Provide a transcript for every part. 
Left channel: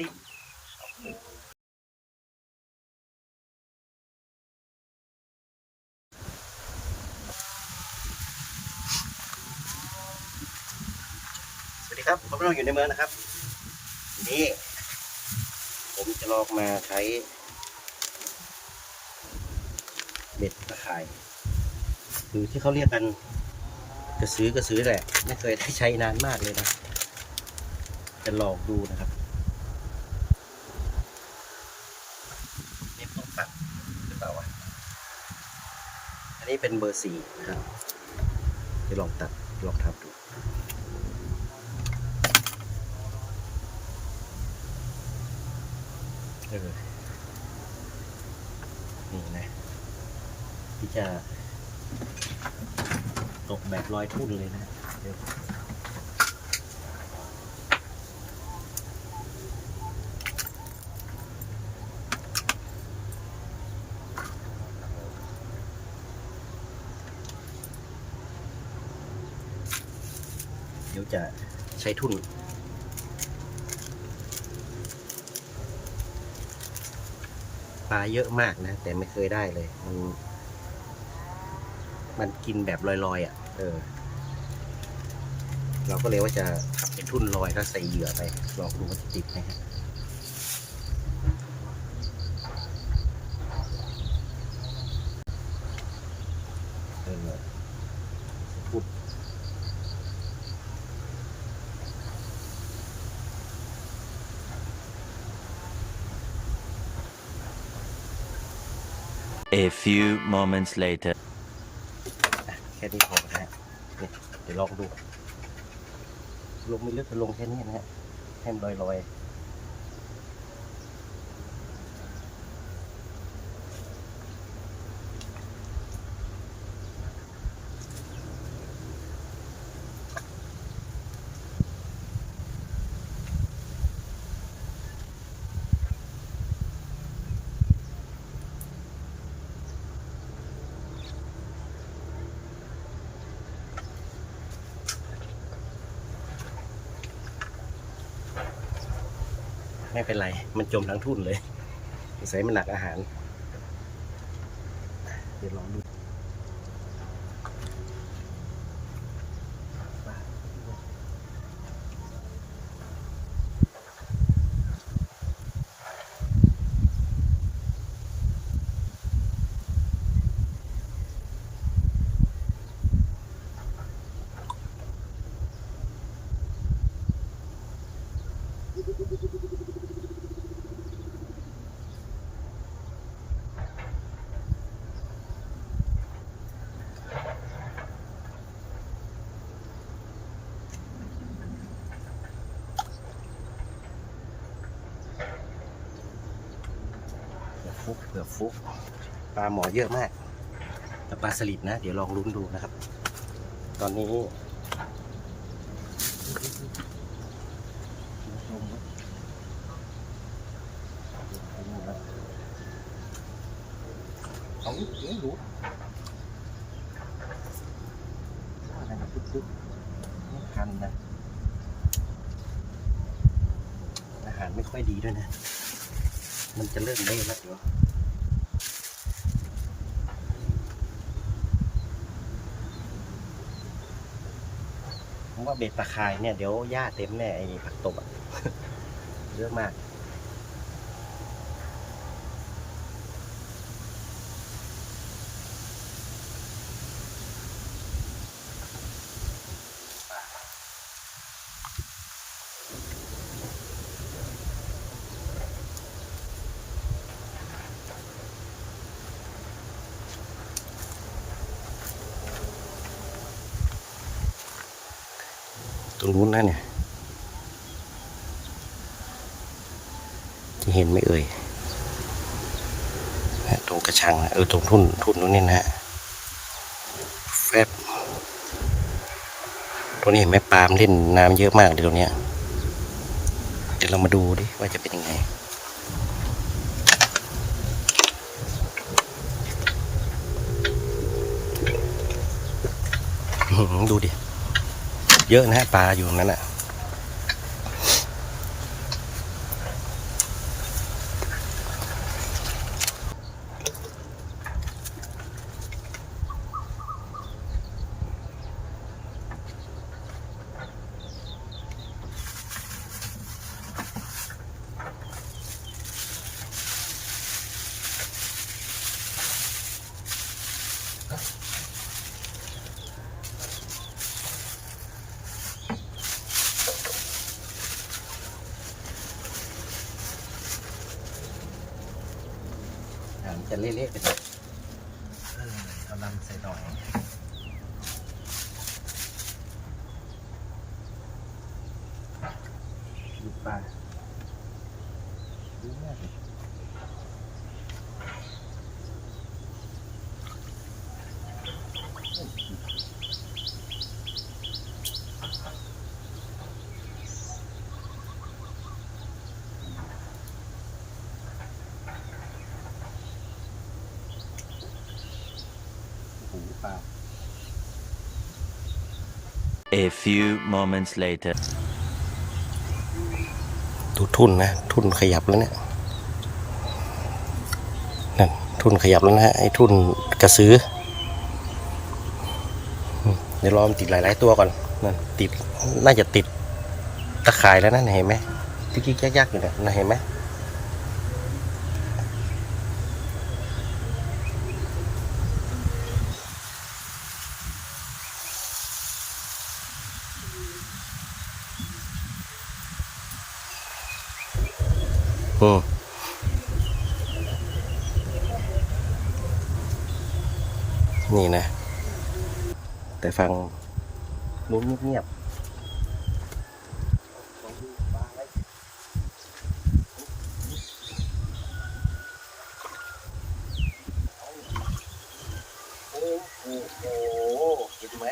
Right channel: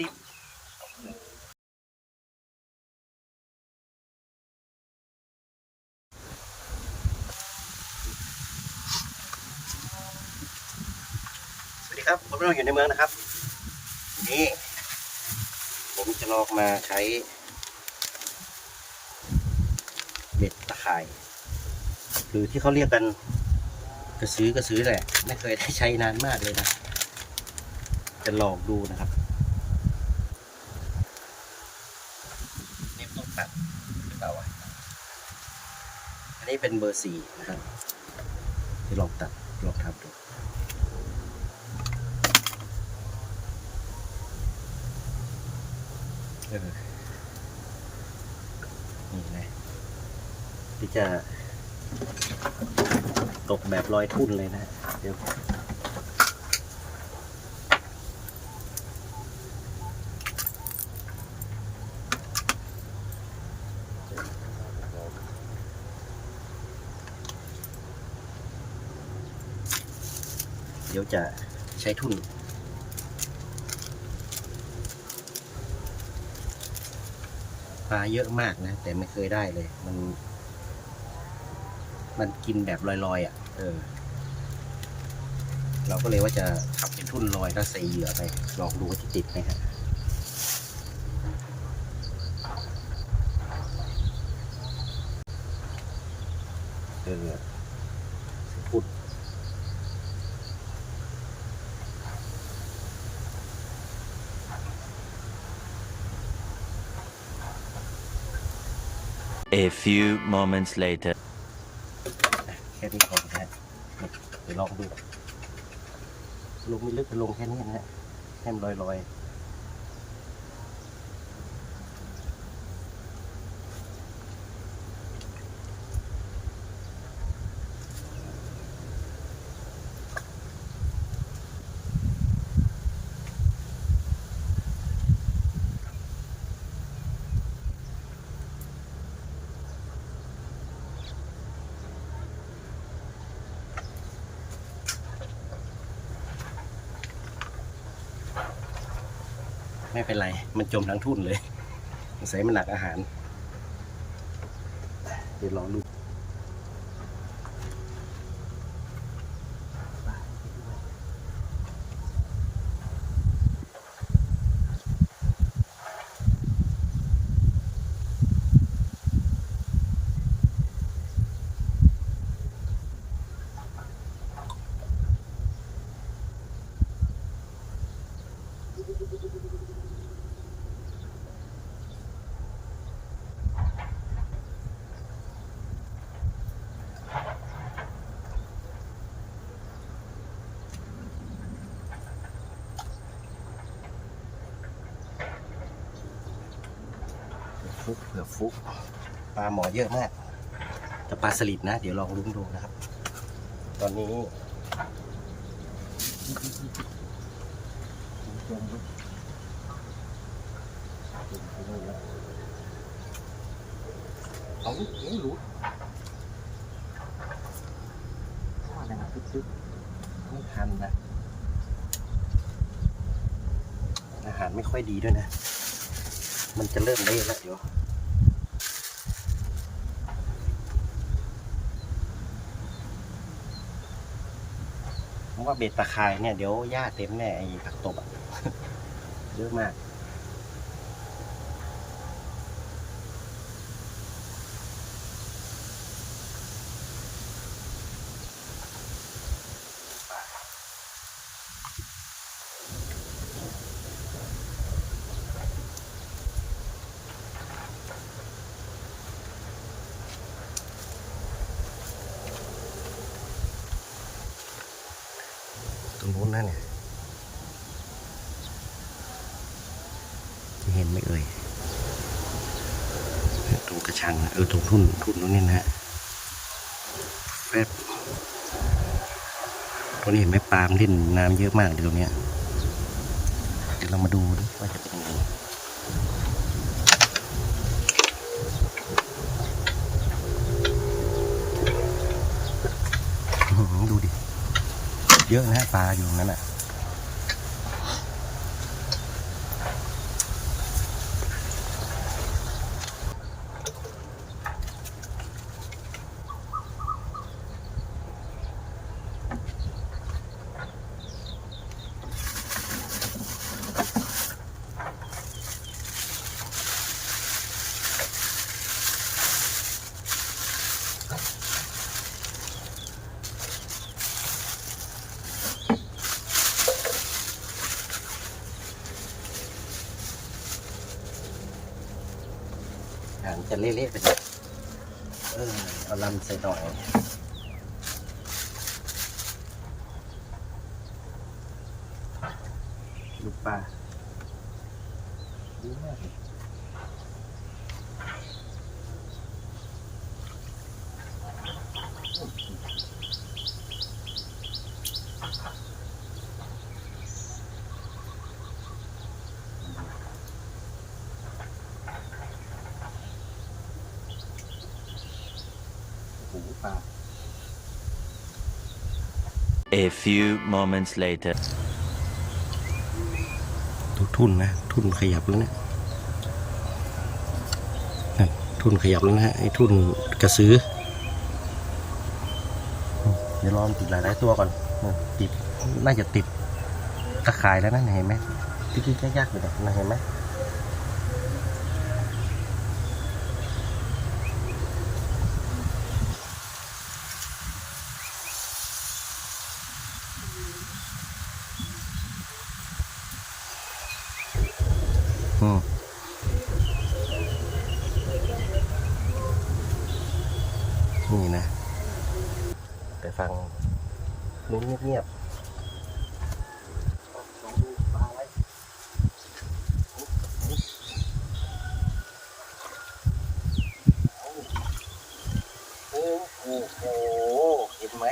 ลิดสวัสดีครับ ผมเราอยู่ในเมืองนะครับ นี่ ผมจะลองมาใช้เบ็ดตะข่าย หรือที่เขาเรียกกันกระซื้อกระซื้อแหละ ไม่เคยได้ใช้นานมากเลยนะ จะลองดูนะครับนี่ต้องตัดหรือเปล่าวะอั นี้เป็นเบอร์สี่นะครับจะลองตัดลองทำดูเออนี่นะที่จะตกแบบลอยทุ่นเลยนะ เดี๋ยว เดี๋ยวจะใช้ทุ่น ปลาเยอะมากนะ แต่ไม่เคยได้เลย มัน มันกินแบบลอยๆอะ เออ เราก็เลยว่าจะทำเป็นทุ่นลอยแล้วใส่เหยื่อไป ลองดูว่าจะติดไหมครับเออพุด A few moments later. แค่นี้พอนะฮะเดี๋ยวลองดู ลงไม่ลึกจะลงแค่นี้นะฮะให้มันลอยๆ ไม่เป็นไร มันจมทั้งทุ่นเลยสงสัยมันหนักอาหาร เดี๋ยวลองดู ฟุกเผื่อฟุกปลาหมอเยอะมาก แต่ปลาสลิดนะ เดี๋ยวลองลุ้นดูนะครับ ตอนนี้จมไปนู่นแล้วเอาเอ๊ะรู้ว่าอะไรมันซึ้งๆไม่ทันนะ อาหารไม่ค่อยดีด้วยนะ มันจะเริ่มได้แล้วเดี๋ยวผมว่าเบ็ดตะคายเนี่ยเดี๋ยวหญ้าเต็มแน่ไอ้ผักตบอะเยอะมาก รงนู้นนะเนี่ยจะเห็นไหมเอ่ยตรงกระชังเออตรงทุ่นทุ่นนู้นนี่นะฮะแฟบตรงนี้เห็นไหมปลามเล่นน้ำเยอะมากเลยตรงเนี้ยเดี๋ยวเรามาดูดิว่าจะเป็นยังไงดูดิ เยอะนะฮะปลาอยู่ตรงนั้นอะ จะเละๆไปเลยเออเอาลำใส่หน่อยลูกปลาดีมากเลยโอ้โห ปลา A few moments later. ดูทุ่นนะ ทุ่นขยับแล้วเนี่ยนั่นทุ่นขยับแล้วนะฮะไอ้ทุ่นกระสืออืมเดี๋ยวรอมันติดหลาย ๆ ตัวก่อนนั่นติดน่าจะติดตะข่ายแล้วนั่นเห็นไหมที่ๆยากๆอยู่เนี่ยน่ะเห็นไหม อืมนี่นะ แต่ฟังเงียบๆลองดูปลาอะไรโอ้โหโอ้โหเห็นไหม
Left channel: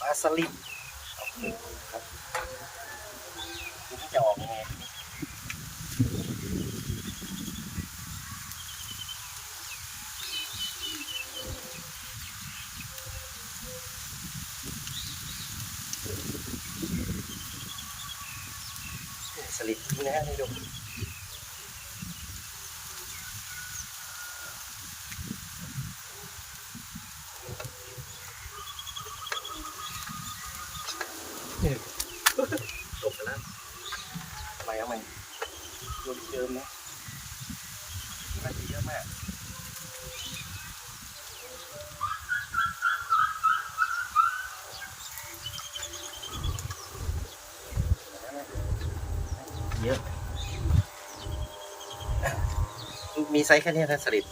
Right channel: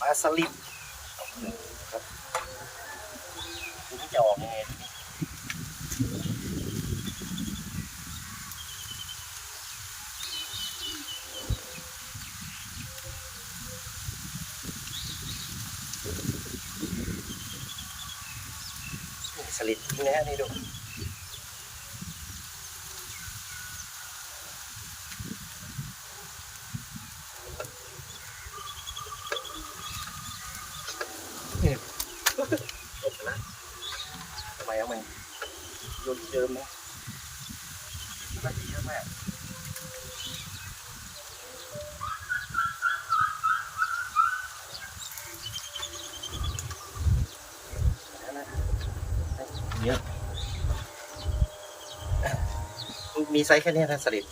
ปลาสลิดโอ้โหครับทีนี้จะออกยังไงทีนี้ ส ลิดทิ้งนะฮะนี่ดูจบไปแล้วทำไมเอาไหมโยนเจิมไหมน่าจะเยอะมากแล้วนะ เยอะ มีไซส์แค่นี้นะสลิด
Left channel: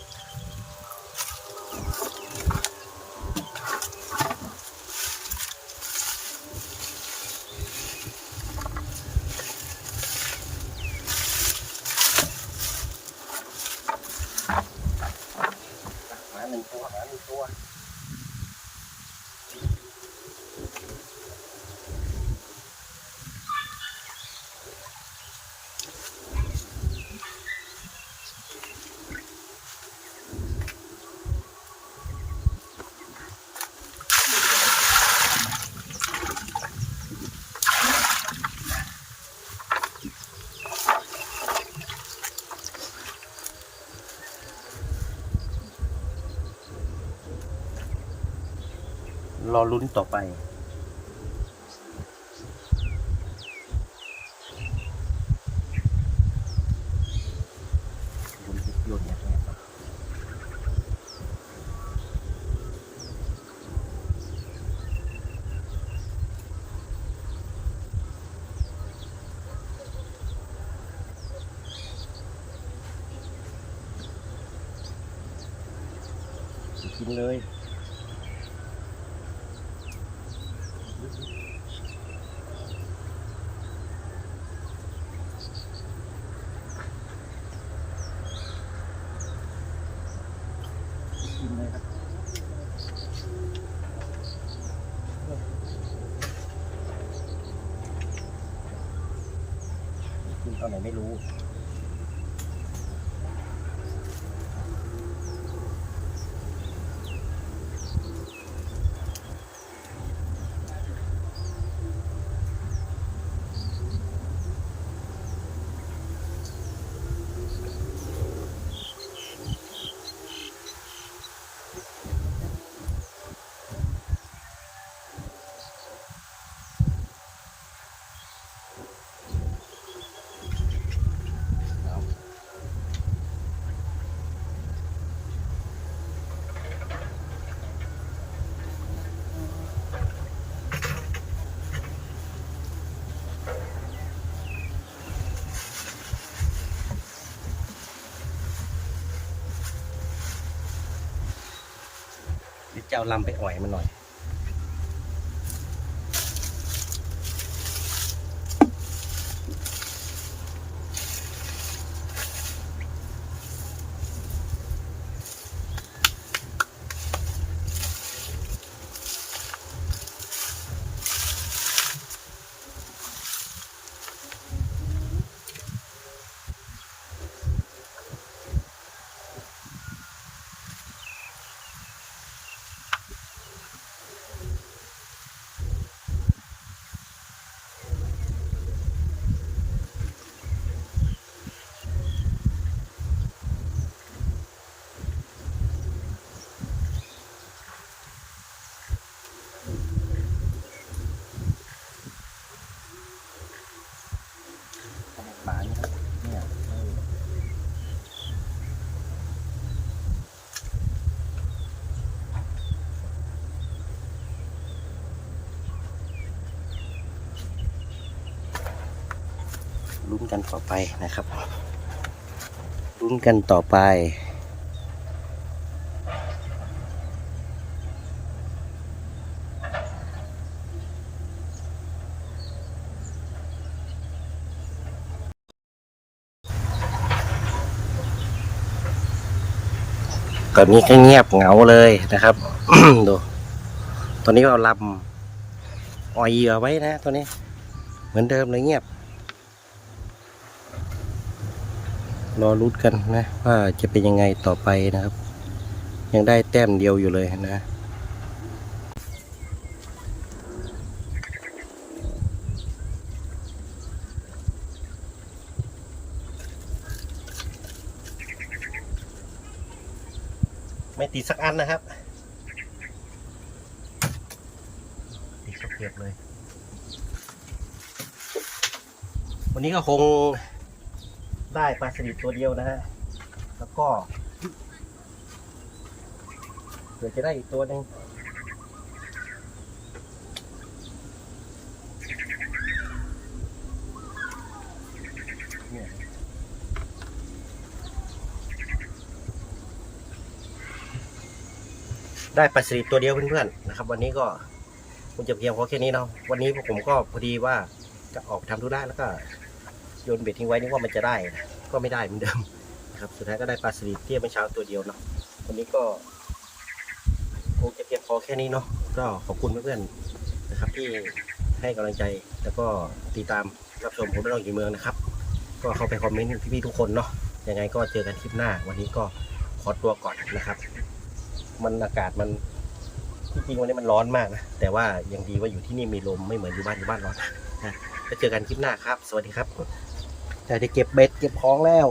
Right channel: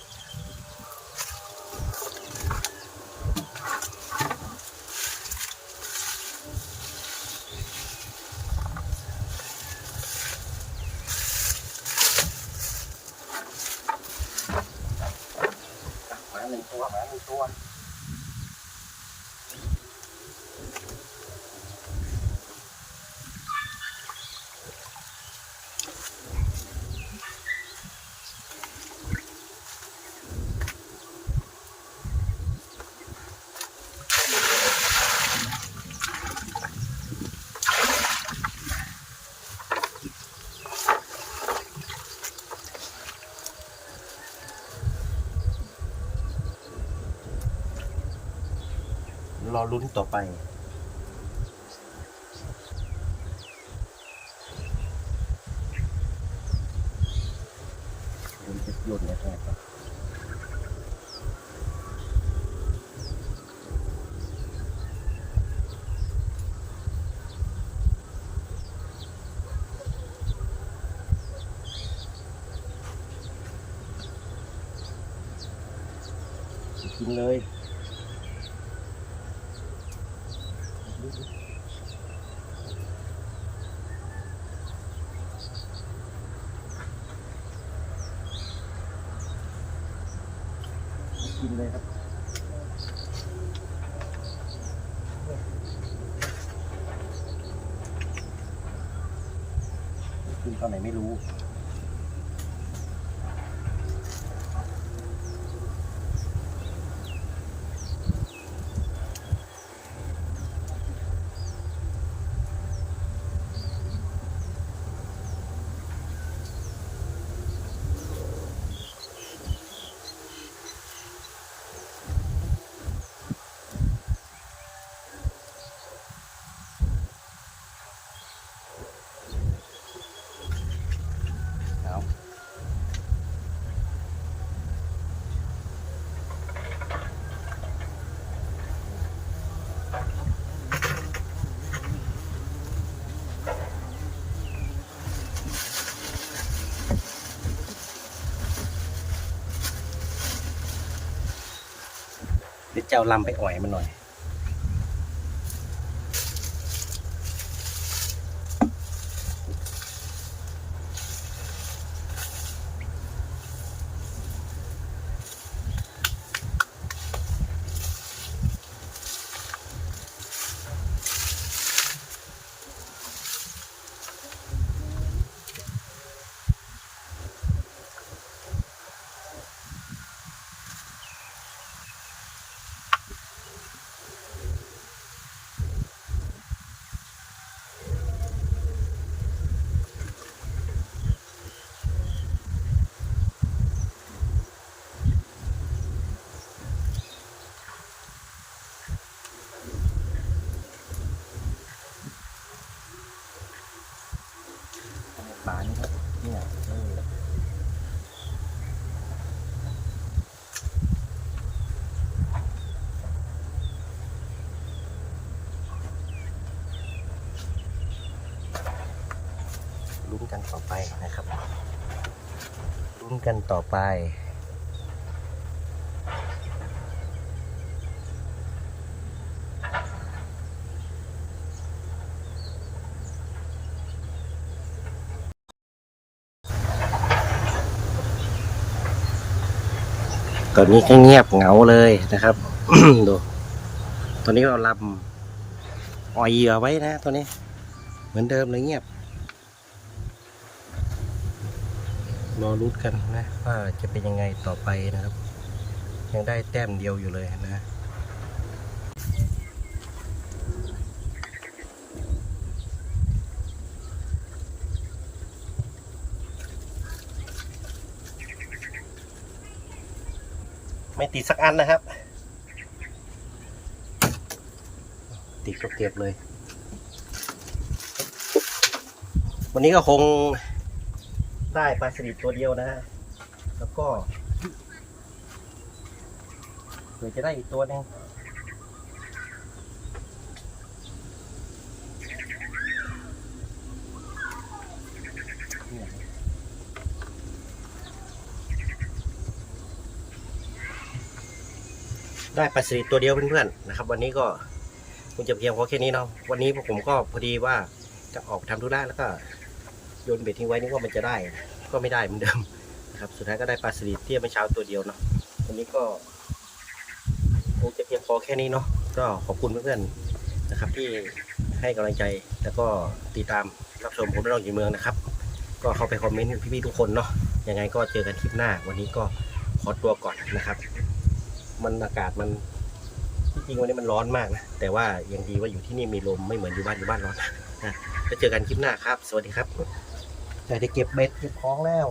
หมาหนึ่งตัวหมาหนึ่งตัว ร อลุ้นต่อไปบุญจะโยนแอบๆอะกินเลย กิมเลยครับกินตอนไหนไม่รู้ จะเอาลำไปอ่อยมันหน่อย ปลานี่ครับเนี่ยเออลุ้น กันต่อไปนะครับลุ้นกันต่อไป ตอนนี้ก็เงียบเหงาเลยนะครับ ดู ตอนนี้เราลำอ่อยเหยื่อไว้นะตัวนี้ เหมือนเดิมเลยเงียบ รอรุ้นกันนะว่าจะเป็นยังไงต่อไปนะครับ ยังได้แต้มเดียวอยู่เลยนะไม่ติดสักอันนะครับ ติดก็เก็บเลย วันนี้ก็คง ได้ปลาสลิดตัวเดียวนะฮะ แล้วก็เผื่อจะได้อีกตัวหนึงเนี่ยได้ปลาสลิดตัวเดียวเพื่อนๆนะครับ วันนี้ก็คงจะเพียงพอแค่นี้เนาะวันนี้พวกผมก็พอดีว่าจะออกไปทำธุระแล้วก็ โยนเบ็ดทิ้งไว้นึกว่ามันจะได้นะก็ไม่ได้เหมือนเดิมนะครับ สุดท้ายก็ได้ปลาสลิดเที่ยเมื่อเช้าตัวเดียวเนาะวันนี้ก็คงจะเพียงพอแค่นี้เนาะก็ขอบคุณเพื่อนๆนะครับ ที่ให้กำลังใจแล้วก็ติดตามรับชมผมได้ลองอยู่เมืองนะครับ ก็เข้าไปคอมเมนต์พี่ๆทุกคนเนาะยังไงก็เจอกันคลิปหน้า วันนี้ก็ขอตัวก่อนนะครับ มันอากาศมันที่จริงวันนี้มันร้อนมากนะ แต่ว่ายังดีว่าอยู่ที่นี่มีลมไม่เหมือนอยู่บ้านอยู่บ้านร้อนนะแล้วเจอกันคลิปหน้าครับ สวัสดีครับ แต่จะเก็บเบ็ดเก็บของแล้ว